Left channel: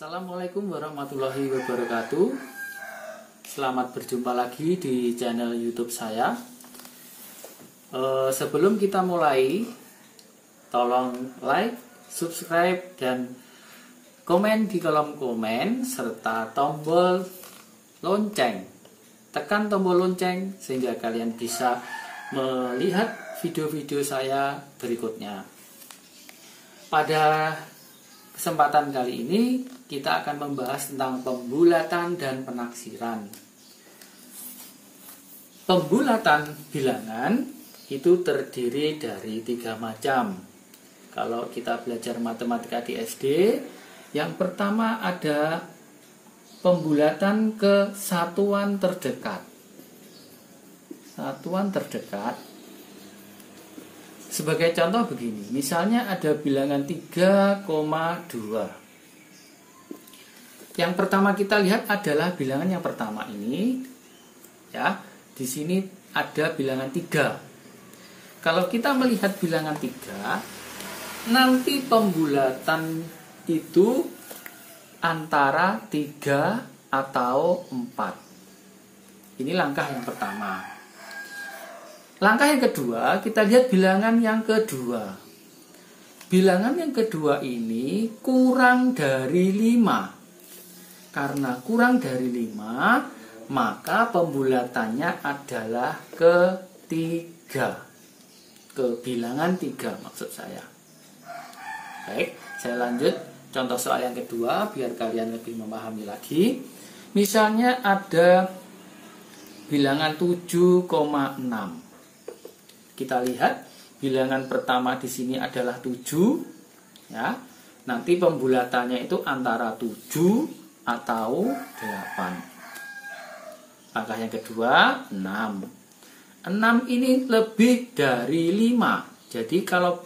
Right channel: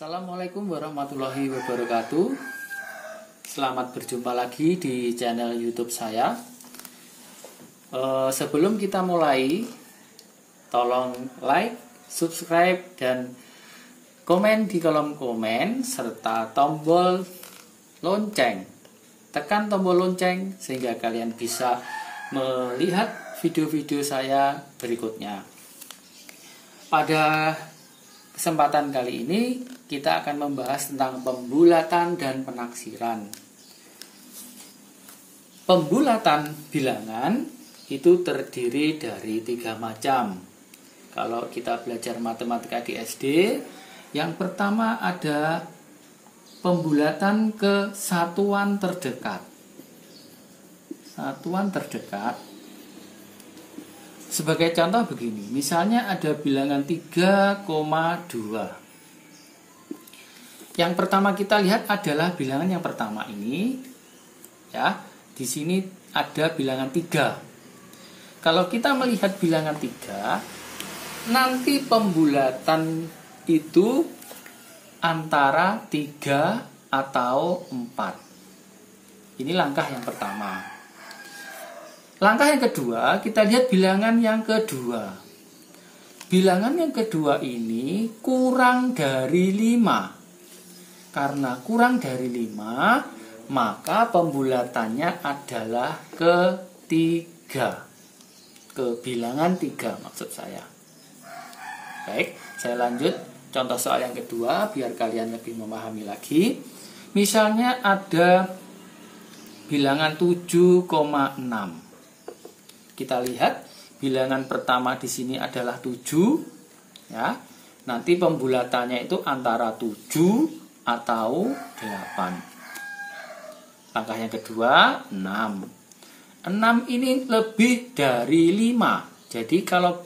Assalamualaikum warahmatullahi wabarakatuh. Selamat berjumpa lagi di channel YouTube saya. Sebelum kita mulai, tolong like, subscribe, dan komen di kolom komen serta tombol lonceng. Tekan tombol lonceng sehingga kalian bisa melihat video-video saya berikutnya. Pada kesempatan kali ini kita akan membahas tentang pembulatan dan penaksiran. Pembulatan bilangan itu terdiri dari 3 macam. Kalau kita belajar matematika di SD, yang pertama ada pembulatan ke satuan terdekat. Satuan terdekat. Sebagai contoh begini, misalnya ada bilangan 3,2. Yang pertama kita lihat adalah bilangan yang pertama ini. Ya, di sini ada bilangan 3. Kalau kita melihat bilangan 3, nanti pembulatan itu antara 3 atau 4. Ini langkah yang pertama. Langkah yang kedua, kita lihat bilangan yang kedua. Bilangan yang kedua ini kurang dari 5. Karena kurang dari 5, maka pembulatannya adalah ke 3. Ke bilangan 3 maksud saya. Baik, saya lanjut contoh soal yang kedua biar kalian lebih memahami lagi. Misalnya ada bilangan 7,6. Kita lihat bilangan pertama di sini adalah 7, ya. Nanti pembulatannya itu antara 7 atau 8. Langkah yang kedua 6. 6 ini lebih dari 5. Jadi kalau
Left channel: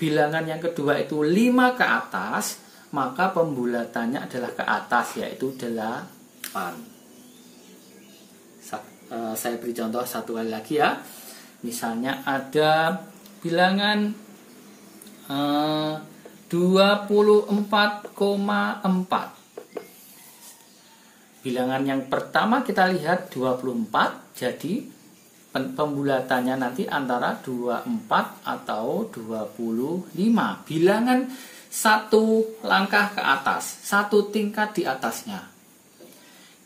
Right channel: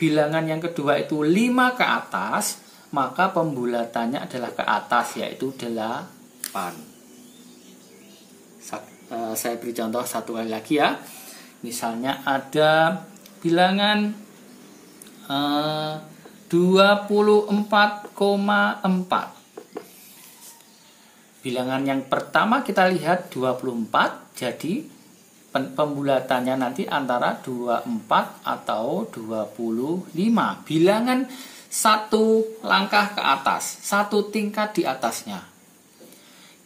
bilangan yang kedua itu 5 ke atas, maka pembulatannya adalah ke atas, yaitu 8. Saya beri contoh satu kali lagi ya. Misalnya ada bilangan 24,4. Bilangan yang pertama kita lihat 24, jadi pembulatannya nanti antara 24 atau 25. Bilangan satu langkah ke atas, satu tingkat di atasnya.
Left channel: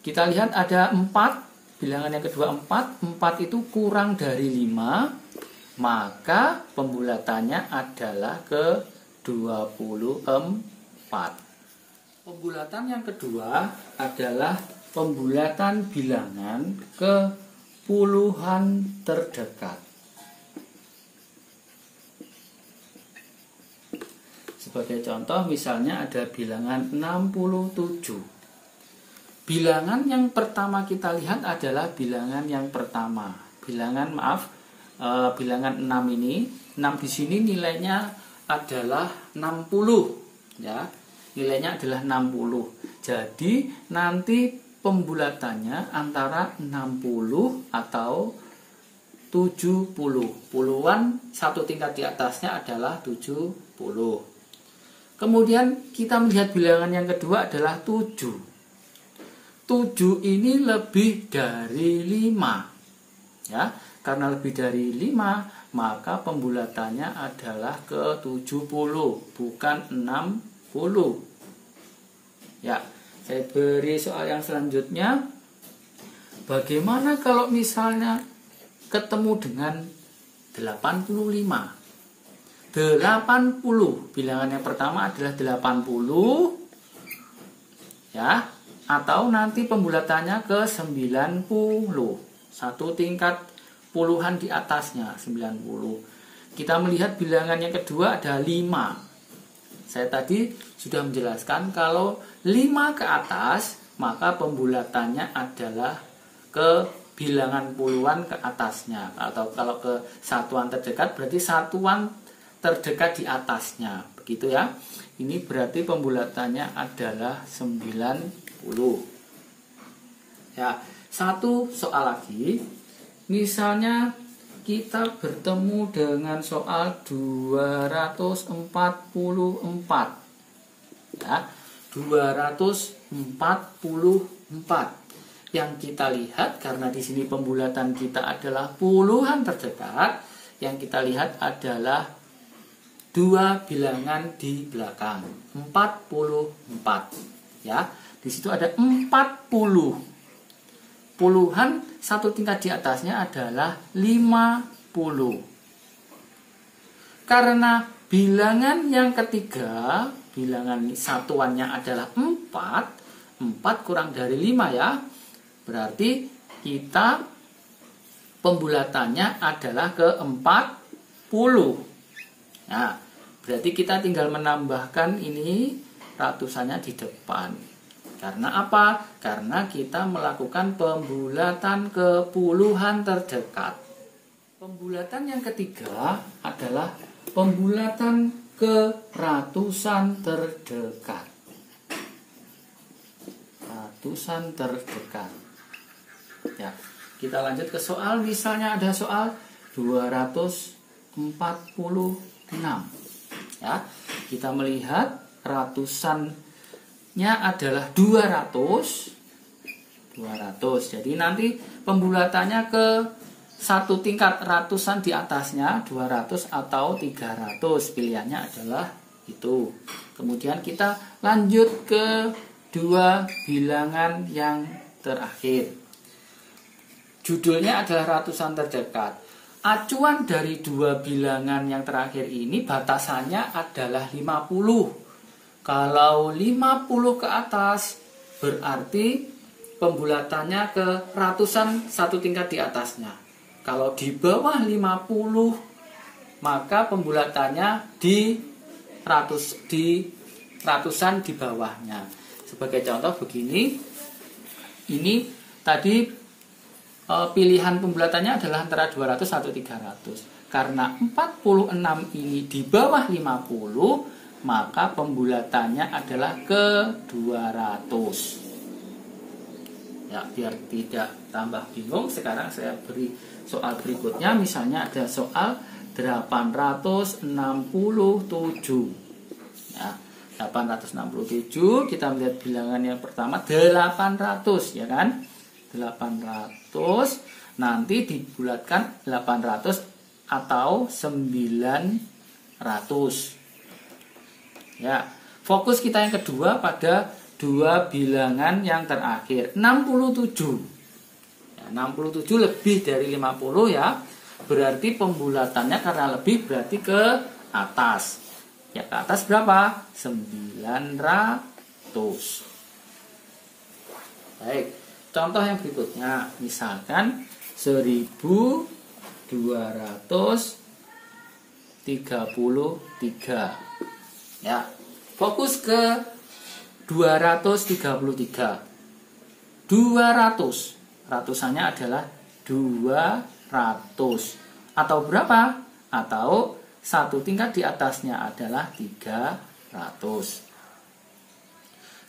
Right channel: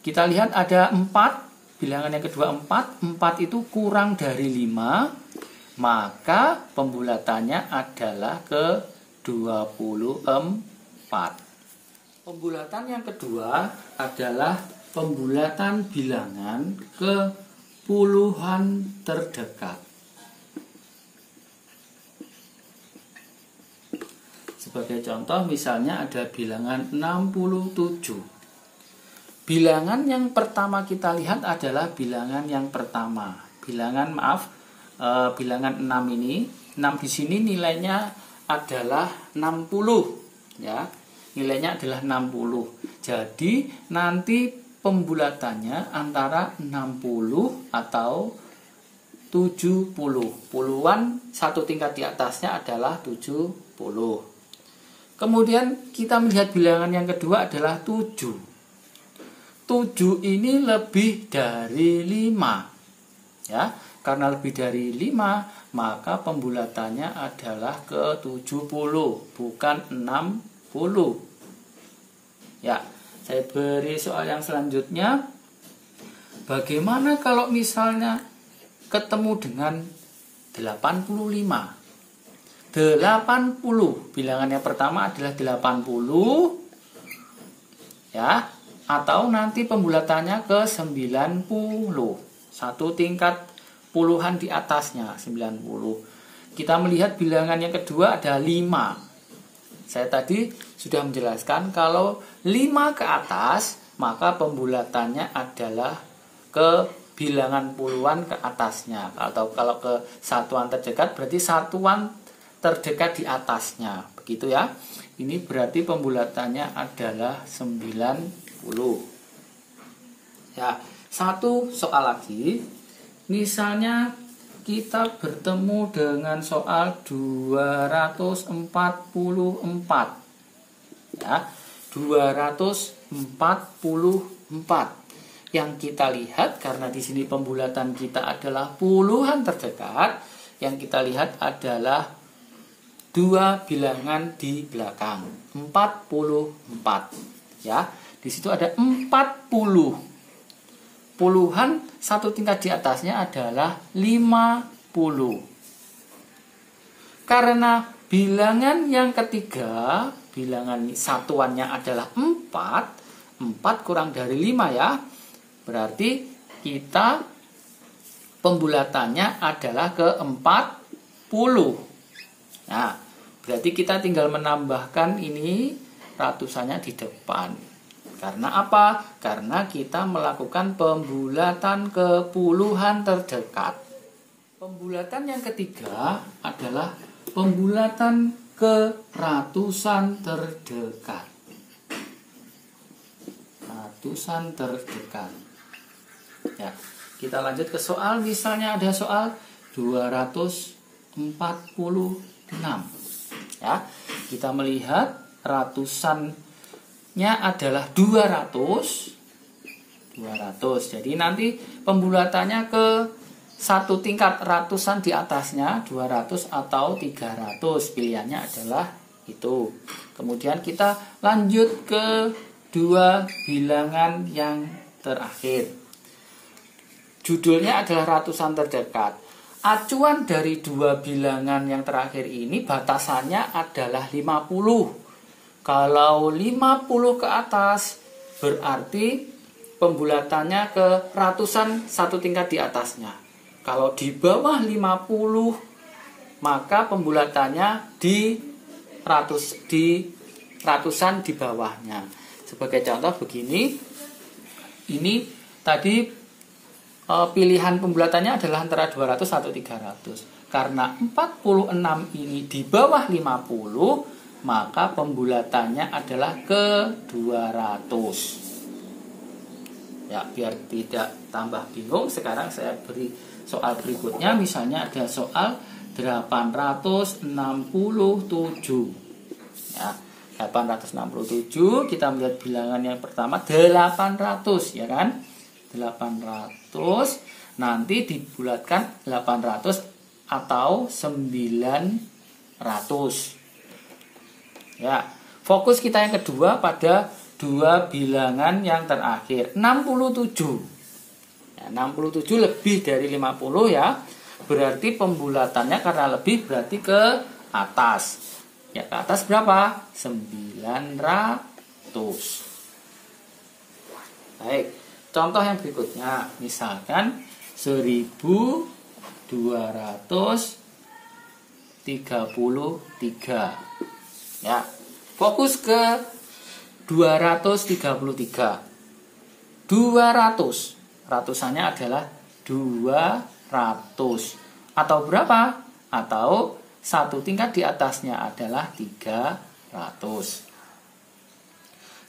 Kita lihat ada 4. Bilangan yang kedua 4 itu kurang dari 5, maka pembulatannya adalah ke 24. Pembulatan yang kedua adalah pembulatan bilangan ke puluhan terdekat. Sebagai contoh misalnya ada bilangan 67. Bilangan yang pertama kita lihat adalah bilangan yang pertama. Bilangan bilangan 6 ini. 6 di sini nilainya adalah 60. Ya, nilainya adalah 60. Jadi nanti pembulatannya antara 60 atau 70. Puluhan satu tingkat di atasnya adalah 70. Kemudian kita melihat bilangan yang kedua adalah 7. 7 ini lebih dari 5. Ya, karena lebih dari 5, maka pembulatannya adalah ke 70, bukan 60. Ya, saya beri soal yang selanjutnya. Bagaimana kalau misalnya ketemu dengan 85? 80, bilangan yang pertama adalah 80. Ya, atau nanti pembulatannya ke 90. Satu tingkat puluhan di atasnya 90. Kita melihat bilangan yang kedua ada 5. Saya tadi sudah menjelaskan kalau 5 ke atas, maka pembulatannya adalah ke bilangan puluhan ke atasnya. Atau kalau ke satuan terdekat berarti satuan terdekat di atasnya. Begitu ya. Ini berarti pembulatannya adalah 90. Ya, satu soal lagi. Misalnya kita bertemu dengan soal 244. Ya, 244. Yang kita lihat karena di sini pembulatan kita adalah puluhan terdekat, yang kita lihat adalah dua bilangan di belakang, 44. Ya, di situ ada 40. Puluhan satu tingkat di atasnya adalah 50. Karena bilangan yang ketiga, bilangan satuannya adalah 4. 4 kurang dari 5 ya. Berarti kita pembulatannya adalah ke 40. Nah, berarti kita tinggal menambahkan ini ratusannya di depan. Karena apa? Karena kita melakukan pembulatan ke puluhan terdekat. Pembulatan yang ketiga adalah pembulatan ke ratusan terdekat. Ratusan terdekat. Ya, kita lanjut ke soal. Misalnya ada soal 246. Ya, kita melihat ratusannya adalah 200. Jadi nanti pembulatannya ke satu tingkat ratusan di atasnya 200 atau 300. Pilihannya adalah itu. Kemudian kita lanjut ke dua bilangan yang terakhir. Judulnya adalah ratusan terdekat. Acuan dari dua bilangan yang terakhir ini batasannya adalah 50. Kalau 50 ke atas berarti pembulatannya ke ratusan satu tingkat di atasnya. Kalau di bawah 50 maka pembulatannya di ratusan di bawahnya. Sebagai contoh begini. Ini tadi pilihan pembulatannya adalah antara 200 atau 300. Karena 46 ini di bawah 50, maka pembulatannya adalah ke 200. Ya, biar tidak tambah bingung, sekarang saya beri soal berikutnya. Misalnya ada soal 867. Ya, 867, kita melihat bilangan yang pertama 800, ya kan? 800, nanti dibulatkan 800 atau 900. Ya, fokus kita yang kedua pada dua bilangan yang terakhir, 67. Ya, 67 lebih dari 50 ya. Berarti pembulatannya karena lebih berarti ke atas. Ya, ke atas berapa? 900. Baik. Contoh yang berikutnya, misalkan 1233. Ya, fokus ke 233. 200, ratusannya adalah 200. Atau berapa? Atau satu tingkat di atasnya adalah 300.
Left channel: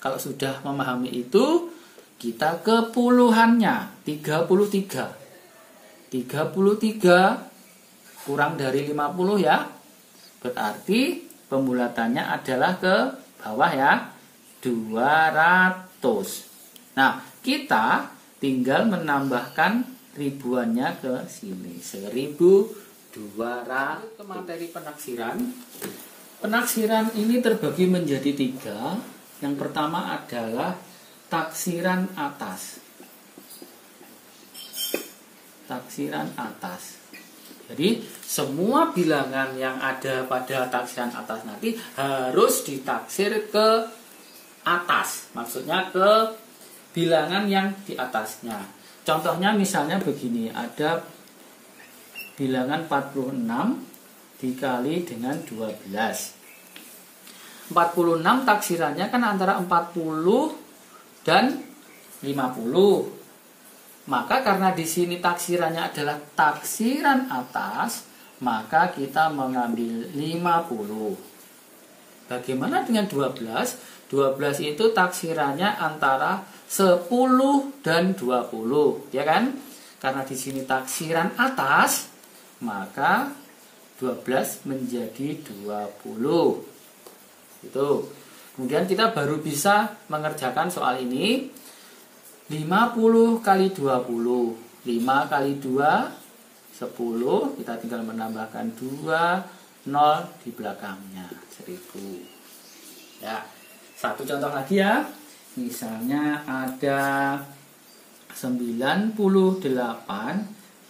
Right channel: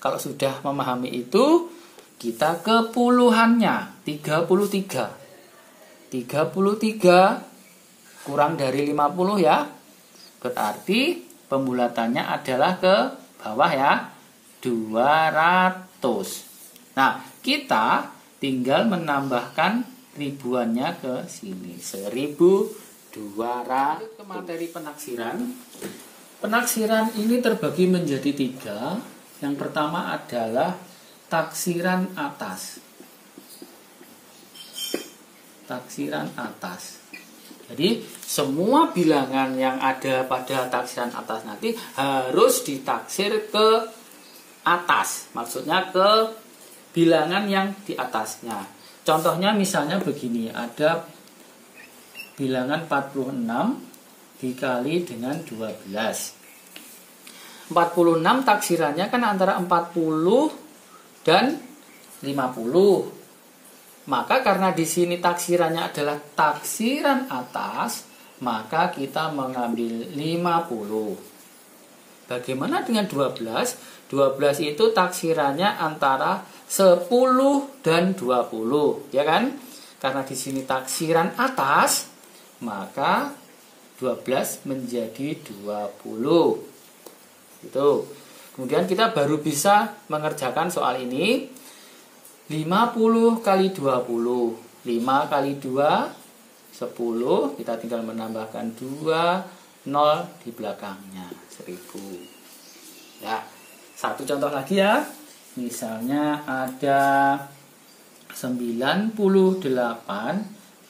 Kalau sudah memahami itu, kita ke puluhannya, 33. 33 kurang dari 50 ya. Berarti pembulatannya adalah ke bawah ya, 200. Nah, kita tinggal menambahkan ribuannya ke sini, 1200. Ke materi penaksiran. Penaksiran ini terbagi menjadi 3. Yang pertama adalah taksiran atas. Taksiran atas. Jadi semua bilangan yang ada pada taksiran atas nanti harus ditaksir ke atas. Maksudnya ke bilangan yang di atasnya. Contohnya misalnya begini, ada bilangan 46 dikali dengan 12. 46 taksirannya kan antara 40 dan 50. Maka karena di sini taksirannya adalah taksiran atas, maka kita mengambil 50. Bagaimana dengan 12? 12 itu taksirannya antara 10 dan 20, ya kan? Karena di sini taksiran atas, maka 12 menjadi 20. Itu. Kemudian kita baru bisa mengerjakan soal ini. 50 kali 20. 5 kali 2, 10. Kita tinggal menambahkan 2, 0 di belakangnya. 1000. Ya, satu contoh lagi ya. Misalnya ada 98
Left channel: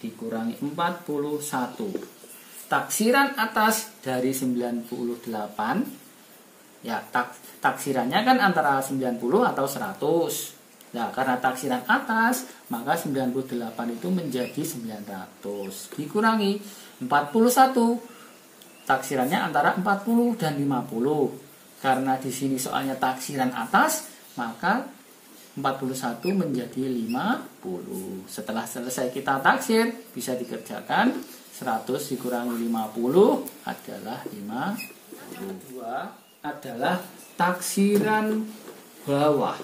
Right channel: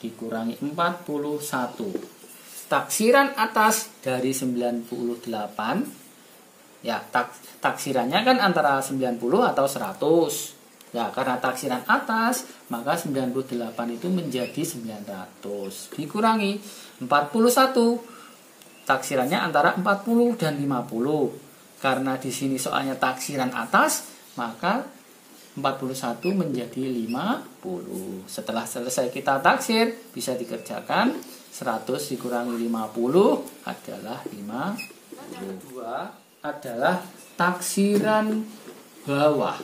dikurangi 41. Taksiran atas dari 98. Ya, taksirannya kan antara 90 atau 100. Ya, karena taksiran atas, maka 98 itu menjadi 900. Dikurangi 41. Taksirannya antara 40 dan 50. Karena di sini soalnya taksiran atas, maka 41 menjadi 50. Setelah selesai kita taksir, bisa dikerjakan. 100 dikurangi 50 adalah 50. Kedua adalah taksiran bawah.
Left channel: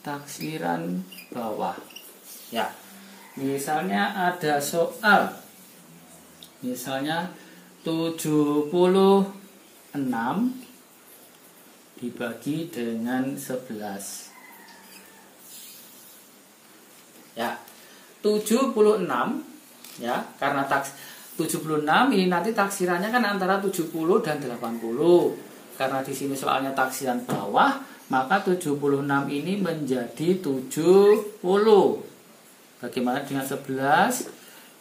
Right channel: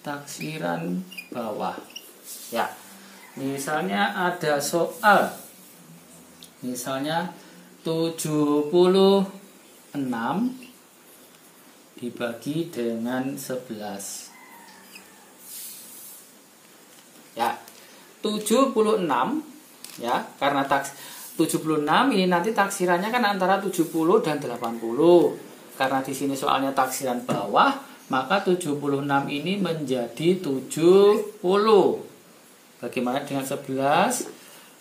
Taksiran bawah. Ya, misalnya ada soal. Misalnya 76 dibagi dengan 11. Ya, 76 ya, karena 76 ini nanti taksirannya kan antara 70 dan 80. Karena di sini soalnya taksiran bawah, maka 76 ini menjadi 70. Bagaimana dengan 11?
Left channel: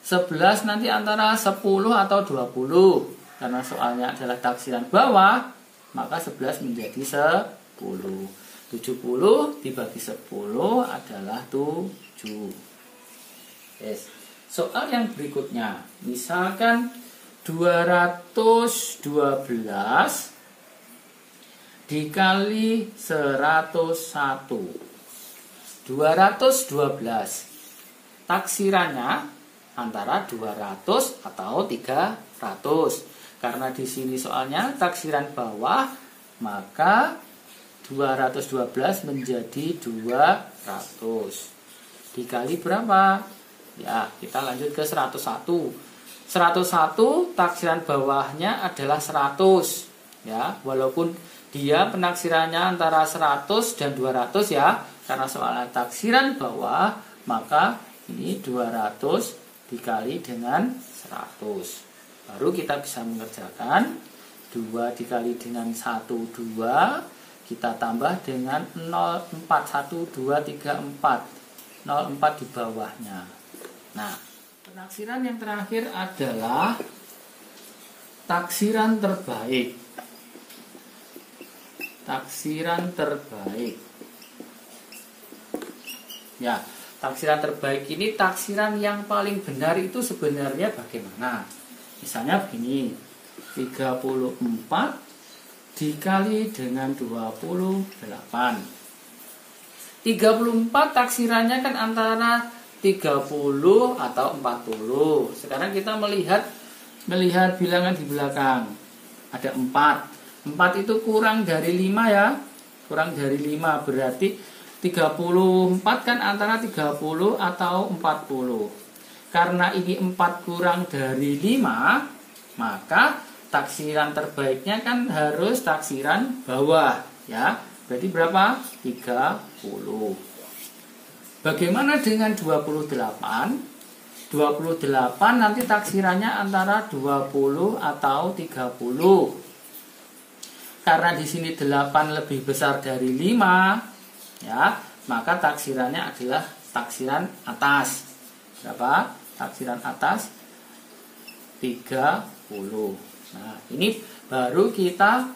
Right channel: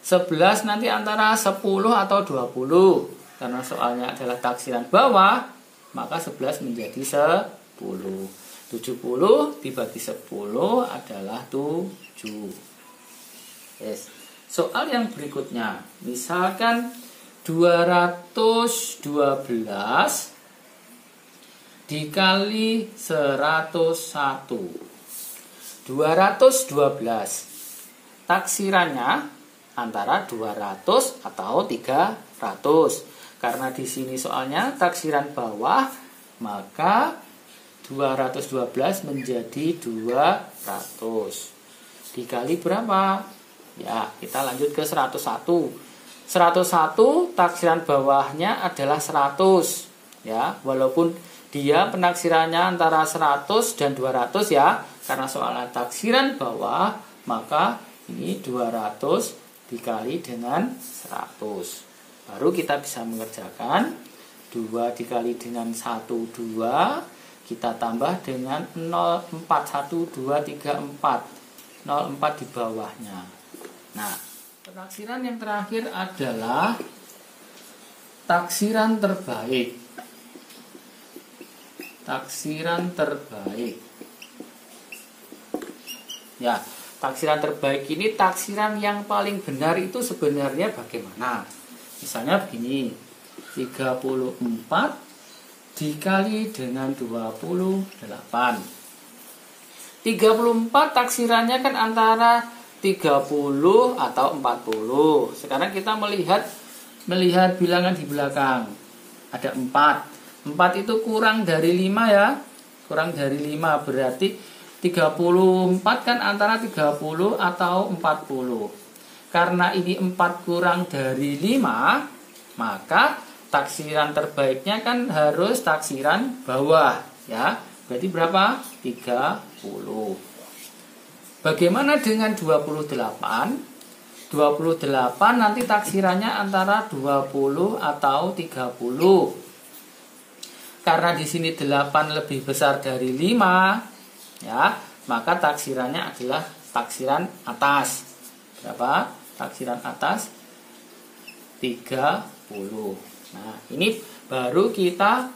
11 nanti antara 10 atau 20. Karena soalnya adalah taksiran bawah, maka 11 menjadi 10. 70 dibagi 10 adalah 7. Yes. Soal yang berikutnya, misalkan 212 dikali 101. 212 taksirannya antara 200 atau 300. Karena di sini soalnya taksiran bawah, maka 212 menjadi 200. Dikali berapa? Ya, kita lanjut ke 101. 101 taksiran bawahnya adalah 100. Ya, walaupun dia penaksirannya antara 100 dan 200 ya, karena soalnya taksiran bawah, maka ini 200 dikali dengan 100. Baru kita bisa mengerjakan 2 dikali dengan 1, 2. Kita tambah dengan 0,4, 1, 2, 3, 4. 0,4 di bawahnya. Nah, penaksiran yang terakhir adalah taksiran terbaik. Taksiran terbaik. Ya, taksiran terbaik ini taksiran yang paling benar itu sebenarnya bagaimana? Misalnya begini, 34 dikali dengan 28. 34 taksirannya kan antara 30 atau 40. Sekarang kita melihat bilangan di belakang. Ada 4. 4 itu kurang dari 5 ya. Kurang dari 5 berarti 34 kan antara 30 atau 40. Karena ini 4 kurang dari 5, maka taksiran terbaiknya kan harus taksiran bawah ya. Berarti berapa? 30. Bagaimana dengan 28? 28 nanti taksirannya antara 20 atau 30. Karena di sini 8 lebih besar dari 5, ya, maka taksirannya adalah taksiran atas. Berapa? Taksiran atas 30. Nah, ini baru kita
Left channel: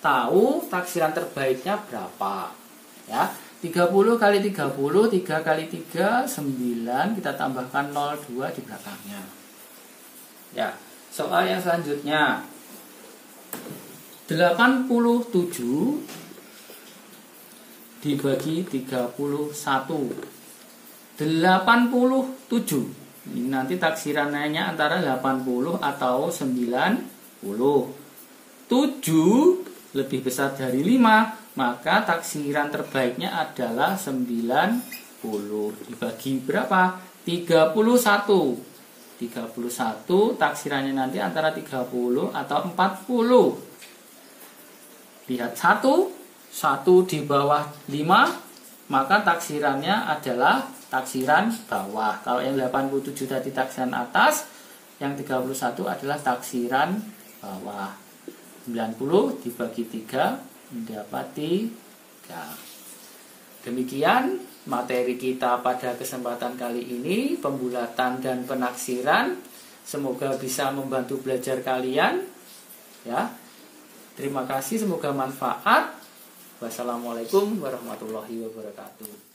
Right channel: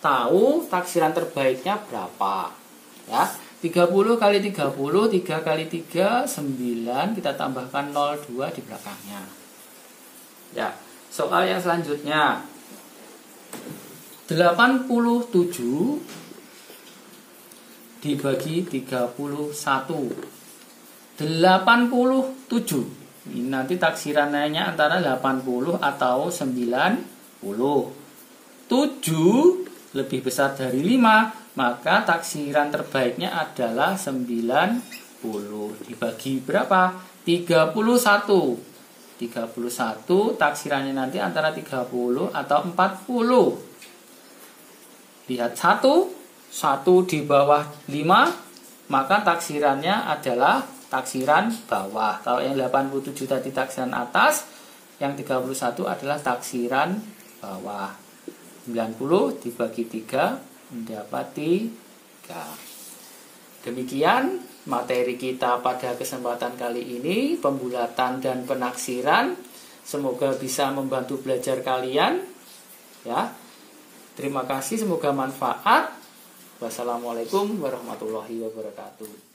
tahu taksiran terbaiknya berapa. Ya, 30 kali 30, 3 kali 3, 9. Kita tambahkan 02 di belakangnya. Ya, soal yang selanjutnya. 87 dibagi 31. 87. Ini nanti taksirannya antara 80 atau 90. 7 lebih besar dari 5, maka taksiran terbaiknya adalah 90. Dibagi berapa? 31. 31 taksirannya nanti antara 30 atau 40. Lihat 1 di bawah 5, maka taksirannya adalah taksiran bawah. Kalau yang 87 tadi taksiran atas, yang 31 adalah taksiran bawah. 90 dibagi 3 mendapati 3. Demikian materi kita pada kesempatan kali ini, pembulatan dan penaksiran. Semoga bisa membantu belajar kalian. Ya. Terima kasih, semoga manfaat. Wassalamualaikum warahmatullahi wabarakatuh.